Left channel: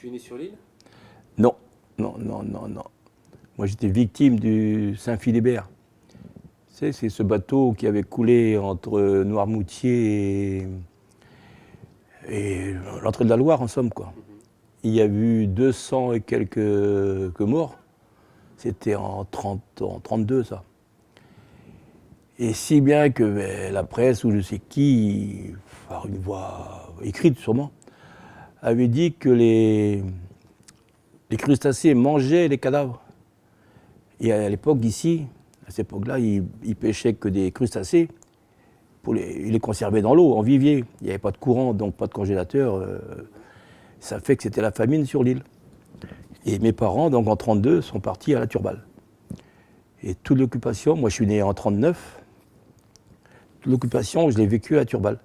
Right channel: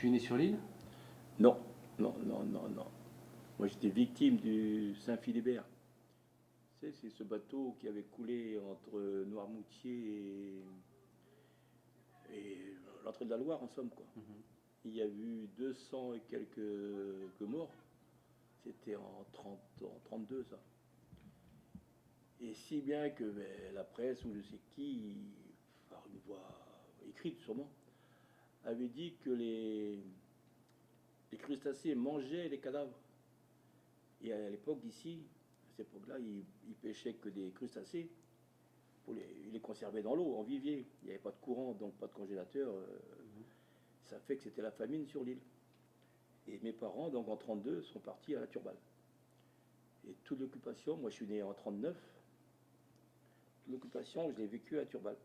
Tu es né sur l'île? Non, non, non, non, non. Moi, j'étais victime du Saint-Philibert. Tu sais, c'est ce bateau qui avait coulé entre Noirmoutier et l'entrée de la Loire, en somme, quoi. Il y a eu 200 et quelques morts. C'était en 32, ça. Et si bien que la presse, ou je sais qui, par une voix écrite sûrement, avait dit que les crustacés mangeaient les cadavres. Et à l'époque d'ici, à cette époque-là, ils pêchaient que des crustacés. Ils les conservaient dans l'eau, en vivier. Il n'y avait pas de courant, donc pas de congélateur. Ça fait que c'était la famine sur l'île. Et mes parents, donc en 32, sont partis à la Turballe. Et toute l'occupation, moi je suis né en 39, toute l'occupation, je l'ai vécue à Turballe.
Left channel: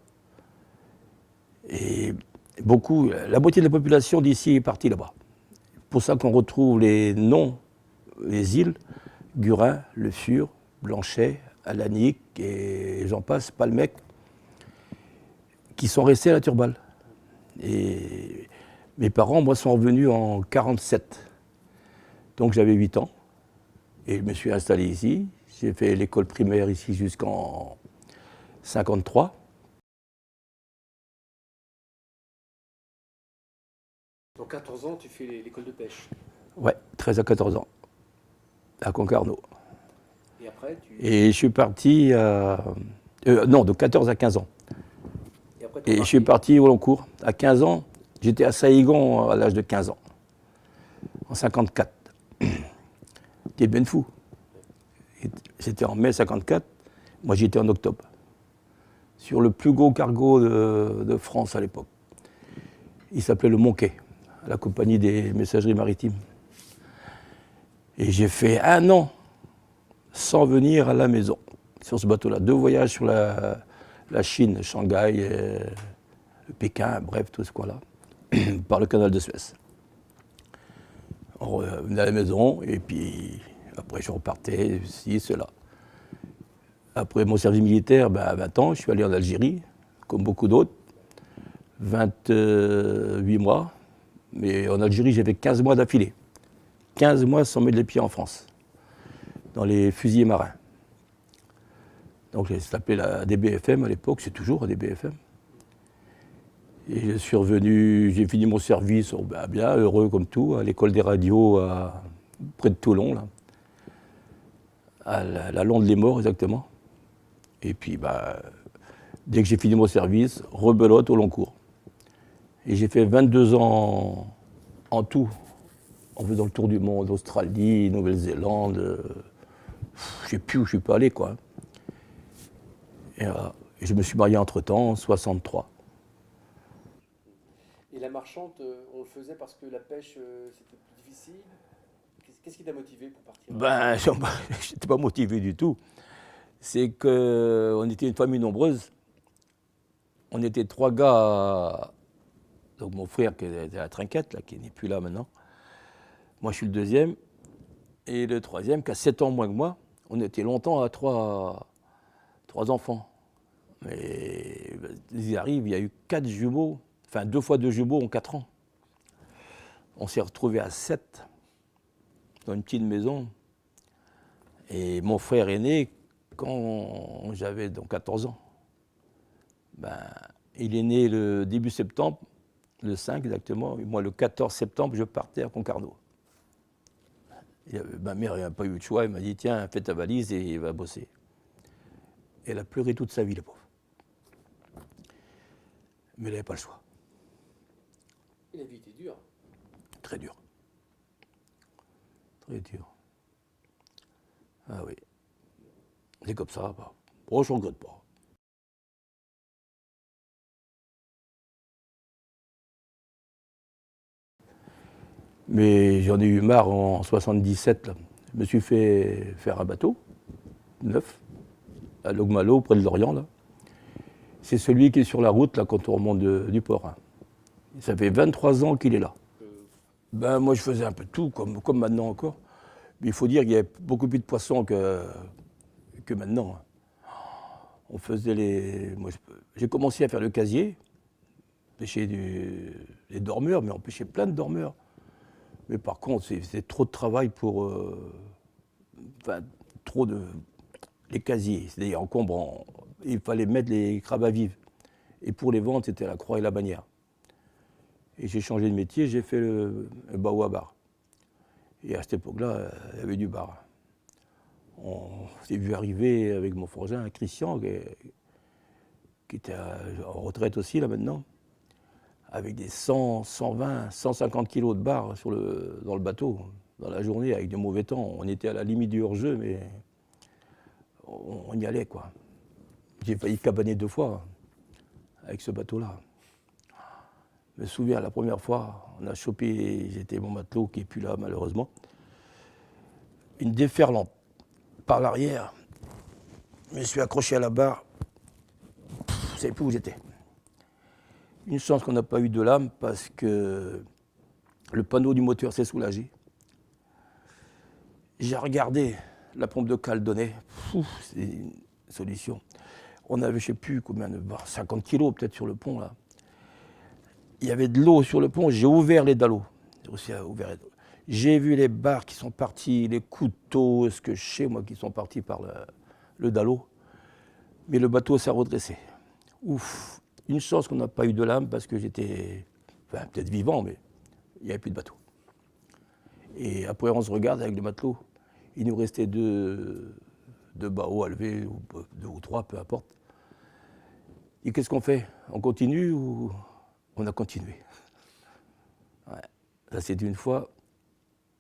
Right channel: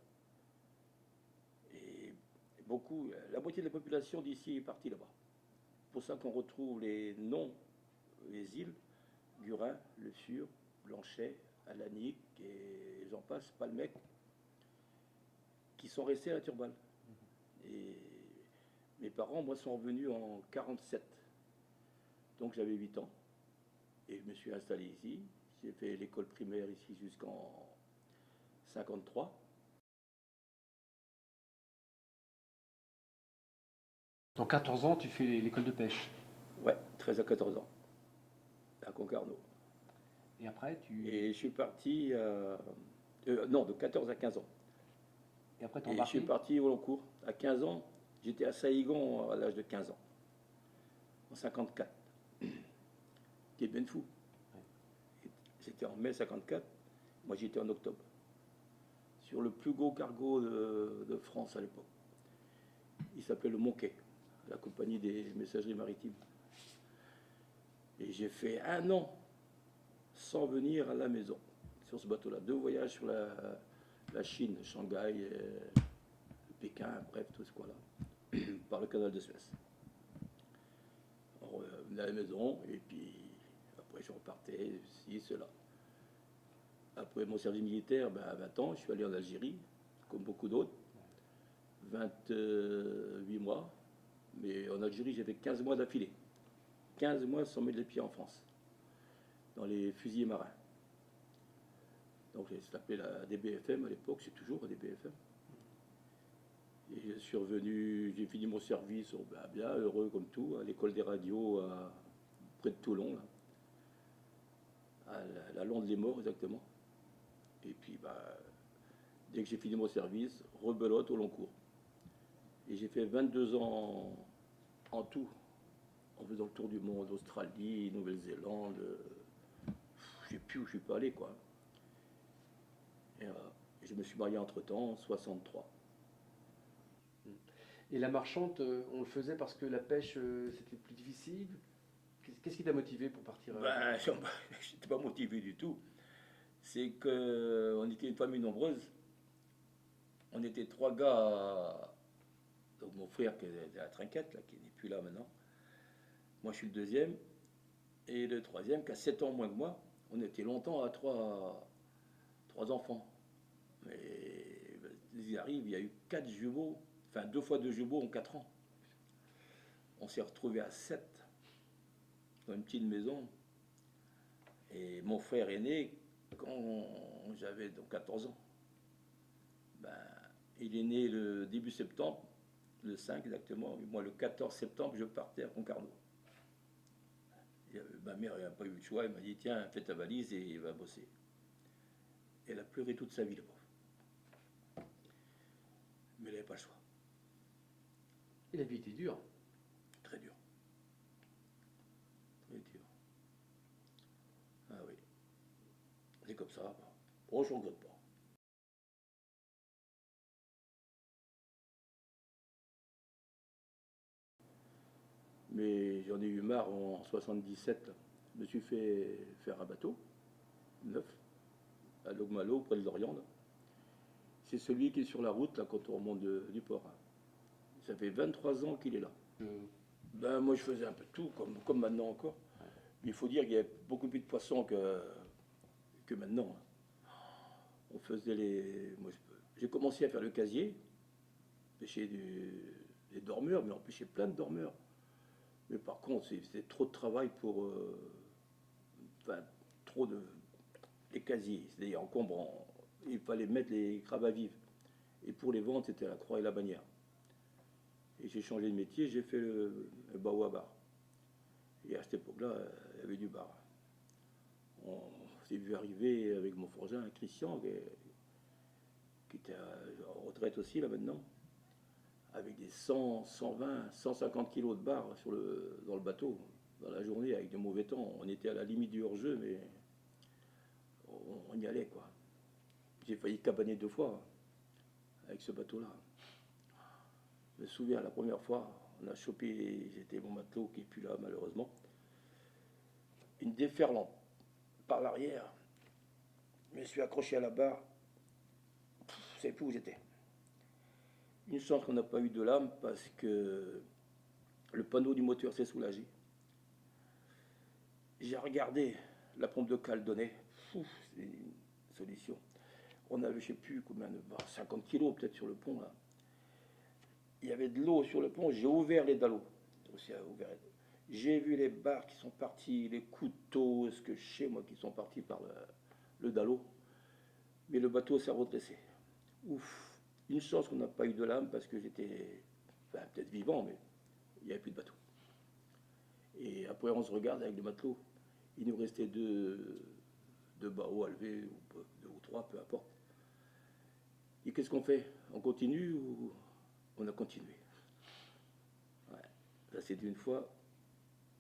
Et beaucoup, la moitié de la population d'ici est partie là-bas. C'est pour ça qu'on retrouve les noms, les îles, Gurin, Le Fur, Blanchet, Alanic et j'en passe, Palmec, qui sont restés à la Turballe. Et mes parents, moi, sont revenus en 47. Donc j'avais 8 ans. Et je me suis installé ici. J'ai fait l'école primaire ici jusqu'en 53. Dans 14 ans, tu fais l'école de pêche. Ouais, 13 à 14 ans, à Concarneau. Et après, Et je suis parti non, de 14 à 15 ans. Et après, Et je suis parti au long cours. À 15 ans, j'étais à Saïgon à l'âge de 15 ans, en 54. T'es ben fou. C'était en mai 54, moi j'étais en octobre. Sur le plus gros cargo de France à l'époque. Il s'appelait le Monquet, la compagnie des messageries maritimes. Et j'ai fait 1 an sans venir à la maison, sur ce bateau-là. 2 voyages sur la Chine, Shanghai, Pékin, bref, tout ce coin-là, par le canal de Suez. On revenait à la maison, et puis après je repartais, ci, cela. Après mon service militaire, à 20 ans, je suis allé en Algérie, comme beaucoup d'autres, 28 mois. Mais en Algérie, j'avais 15 mois d'affilée. 15 mois sans mettre les pieds en France, dans les fusiliers marins. Donc ça s'appelait la DBFM à l'époque, c'est toujours la DBFM. Et je suis revenu, j'ai fini mon service, bien heureux comme tout, à l'école des radios près de Toulon, là, à la Londe-les-Morts exactement. Et puis dès que j'ai fini mon service, rebelote au long cours. Et j'ai fait 22 ans en tout, en faisant le tour du monde, Australie, Nouvelle-Zélande. Je ne sais plus où je suis pas allé, quoi. Et je me suis marié entre-temps, en 63. Et la marchande, on le faisait parce que la pêche, c'était plus difficile. Qu'est-ce qui t'a motivé pour partir? Je n'étais pas motivé du tout. C'est qu'on était une famille nombreuse. On était 3 gars. Donc mon frère qui était à la trinquette, là, qui n'est plus là maintenant. Moi, je suis le deuxième. Et le troisième, qui a 7 ans moins que moi. On était longtemps à 3 enfants. Mais ils arrivent, il y a eu 4 jumeaux, enfin 2 fois 2 jumeaux en 4 ans. On s'est retrouvés à 7 dans une petite maison. Et mon frère est né quand j'avais donc 14 ans. Il est né le début septembre, le 5 exactement. Et moi, le 14 septembre, je partais à Concarneau. Ma mère n'a pas eu de choix, elle m'a dit tiens, fais ta valise et va bosser. Et elle a pleuré toute sa vie, la pauvre. Mais elle n'avait pas le choix. Et la vie était dure. Très dur. Très dur. Ah oui. C'est comme ça. Oh, je ne regrette pas. Mais j'en ai eu marre en 77. Là. Je me suis fait faire un bateau, neuf, à Logmalo, près de Lorient. Là. C'est celui qui est sur la route là, quand on remonte du port. Hein. Ça fait 23 ans qu'il est là. Moi, je faisais un peu tout, comme maintenant encore. Mais il faut dire qu'il y avait beaucoup plus de poissons que maintenant. On faisait j'ai commencé à faire le casier. pêchait des dormeurs, mais on pêchait plein de dormeurs. Mais par contre, c'était trop de travail pour. Enfin, trop de. Les casiers, c'est-à-dire encombrants. Il fallait mettre les crabes à vivre. Et pour les vendre, c'était la croix et la bannière. Et j'ai changé de métier, j'ai fait le bao à bar. Et à cette époque-là, il y avait du bar. On s'est vu arriver avec mon frangin, Christian, qui était en retraite aussi, là, maintenant, avec des 100, 120, 150 kilos de bar dans le bateau, dans la journée, avec de mauvais temps. On était à la limite du hors-jeu, mais on y allait, quoi. J'ai failli cabaner 2 fois avec ce bateau-là. Je me souviens, la première fois, on a chopé, j'étais mon matelot qui n'est plus là, malheureusement, une déferlante par l'arrière. Je me suis accroché à la barre. Je ne savais plus où j'étais. Une chance qu'on n'a pas eu de lame parce que le panneau du moteur s'est soulagé. J'ai regardé, la pompe de cale donnait. C'est une solution. On avait, je ne sais plus combien de barres, 50 kilos peut-être sur le pont, là. Il y avait de l'eau sur le pont, j'ai ouvert les dallots. J'ai vu les barres qui sont parties, les couteaux, ce que je sais, moi, qui sont partis par le dallot. Mais le bateau s'est redressé. Ouf, une chance qu'on n'a pas eu de lame parce que j'étais, enfin, peut-être vivant, mais il n'y avait plus de bateau. Et après, on se regarde avec le matelot. Il nous restait deux baos à lever, ou 2 ou 3, peu importe. Et qu'est-ce qu'on fait? On continue ou on a continué? Ouais. Ça, c'était une fois.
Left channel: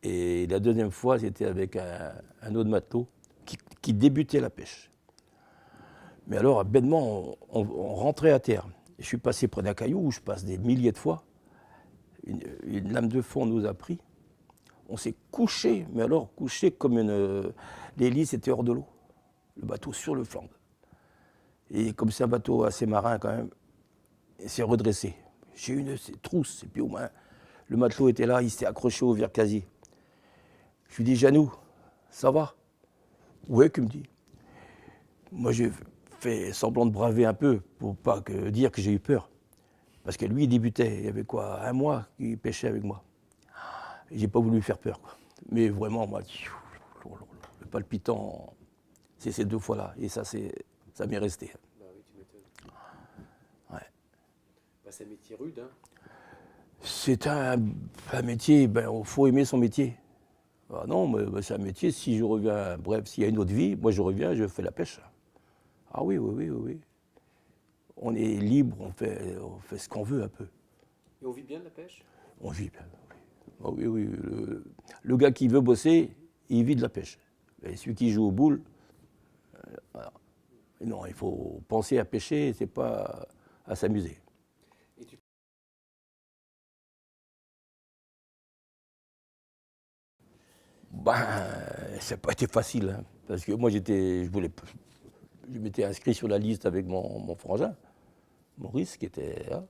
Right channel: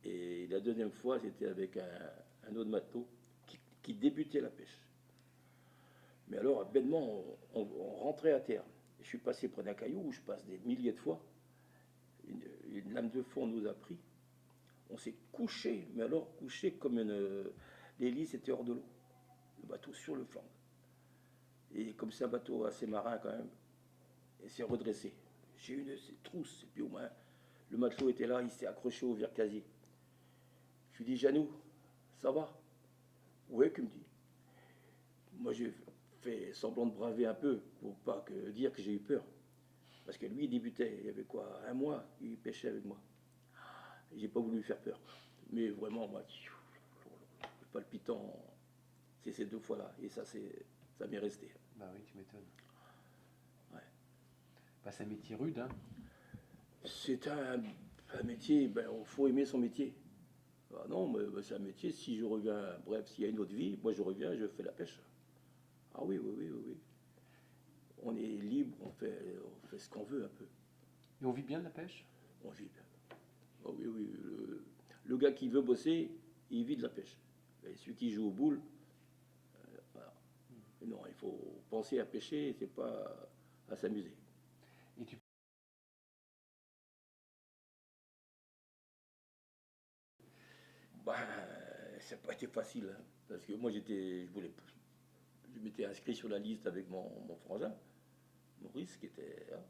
Et la deuxième fois, c'était avec un autre matelot qui débutait la pêche. Mais alors, bêtement, on rentrait à terre. Je suis passé près d'un caillou où je passe des milliers de fois. Une lame de fond nous a pris. On s'est couché, mais alors couché comme l'hélice était hors de l'eau. Le bateau sur le flanc. Et comme c'est un bateau assez marin quand même, il s'est redressé. J'ai eu une trousse, et puis au moins, le matelot était là, il s'était accroché au vircasier. Je lui dis, Janou, ça va? Ouais, qu'il me dit. Moi, j'ai fait semblant de braver un peu pour pas dire que j'ai eu peur. Parce que lui, il débutait, il y avait quoi, 1 mois qu'il pêchait avec moi. Et j'ai pas voulu lui faire peur, quoi. Mais vraiment, moi, le palpitant, c'est ces 2 fois-là. Et ça m'est resté. Bah oui, tu m'étonnes. Ouais. Bah, c'est un métier rude, hein. C'est un métier, il faut aimer son métier. Ah non, mais c'est un métier, si je reviens, bref, s'il y a une autre vie, moi je reviens, je fais la pêche. Ah oui, oui, oui, oui, oui. On est libre, on fait ce qu'on veut un peu. Et on vit bien de la pêche? On vit bien. Ah oui, oui. Le gars qui veut bosser, il vit de la pêche. Et celui qui joue aux boules, voilà. Non, il faut penser à pêcher, c'est pas à s'amuser. Et tu... Ben, ça n'a pas été facile, hein, parce que moi je m'étais inscrit sur la liste avec mon frangin, Maurice, qui était là.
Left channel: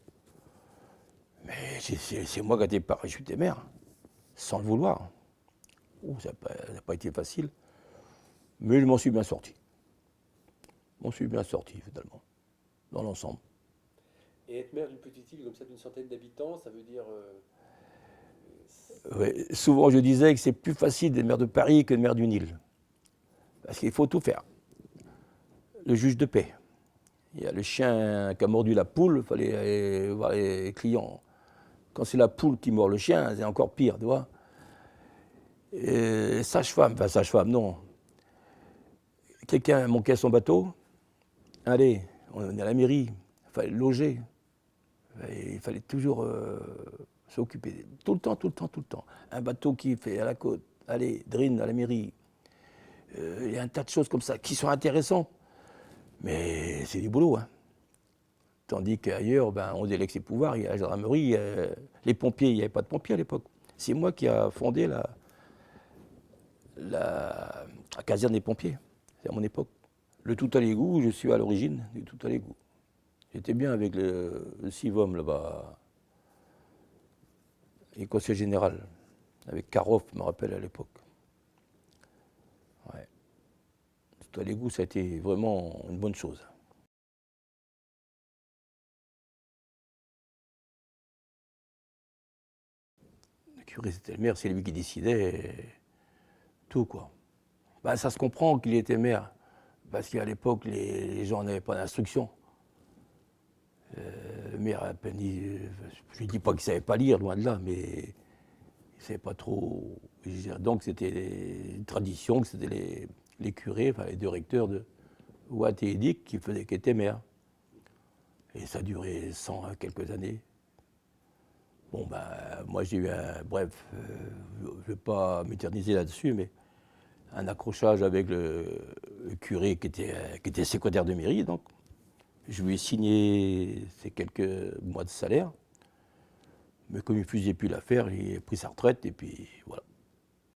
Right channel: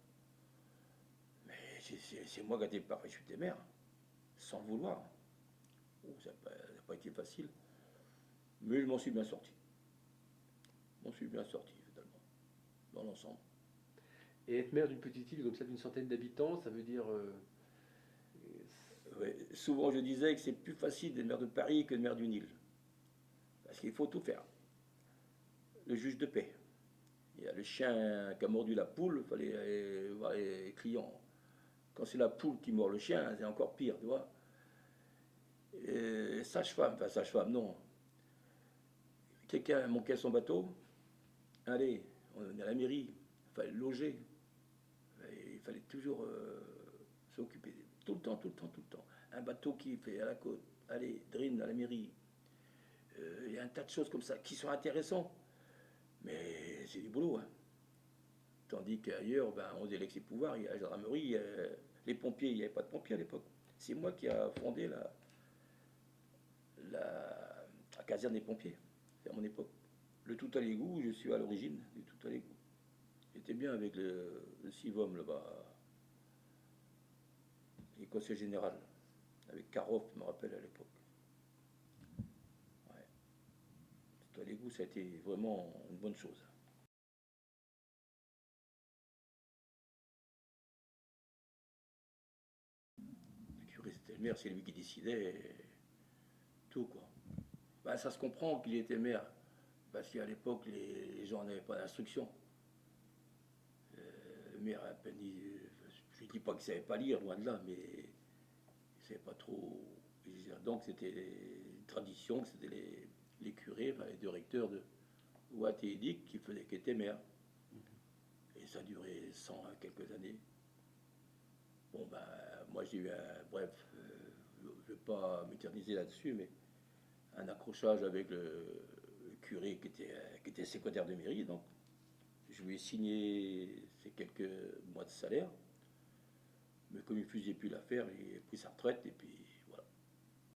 Mais c'est moi qui ai été parachuté mer, sans le vouloir. Oh, ça n'a pas été facile, mais je m'en suis bien sorti. Je m'en suis bien sorti, finalement, dans l'ensemble. Et être maire d'une petite île comme ça, d'une centaine d'habitants, ça veut dire... Ouais, souvent, je disais que c'est plus facile d'être maire de Paris que de maire d'une île. Parce qu'il faut tout faire. Le juge de paix. Il y a le chien qui a mordu la poule, il fallait aller voir les clients. Quand c'est la poule qui mord le chien, c'est encore pire, tu vois. Et sage-femme, non. Quelqu'un manquait son bateau, allez, on est à la mairie, il fallait le loger. Il fallait toujours s'occuper. Tout le temps, tout le temps, tout le temps. Un bateau qui fait à la côte, allez, Drine à la mairie. Il y a un tas de choses comme ça qui sont intéressantes. Mais c'est du boulot, hein. Tandis qu'ailleurs, on délègue ses pouvoirs, il y a la gendarmerie, les pompiers, il n'y avait pas de pompiers à l'époque. C'est moi qui ai fondé la caserne des pompiers, c'est à mon époque. Le tout à l'égout, je suis à l'origine du tout à l'égout. J'étais bien avec le CIVOM là-bas, et conseil général, avec Karoff, je me rappelle à l'époque. Ouais. Tout à l'égout, ça a été vraiment une bonne chose. curé, c'était le maire, c'est lui qui décidait tout, quoi. Ben, ça se comprend qu'il était maire, parce qu'à l'époque, les gens n'avaient pas d'instruction. Le maire a à peine dit, je ne dis pas qu'il ne savait pas lire, loin de là, mais il ne savait pas trop. Donc c'était une tradition que c'était les curés, enfin les deux recteurs de Watt et Édic qui étaient maires. Et ça a duré 100 quelques années. Bon, ben, moi j'ai eu un. Bref, je ne vais pas m'éterniser là-dessus, mais un accrochage avec le curé qui était secrétaire de mairie, donc. Je lui ai signé ces quelques mois de salaire, mais comme il ne faisait plus l'affaire, il a pris sa retraite et puis voilà.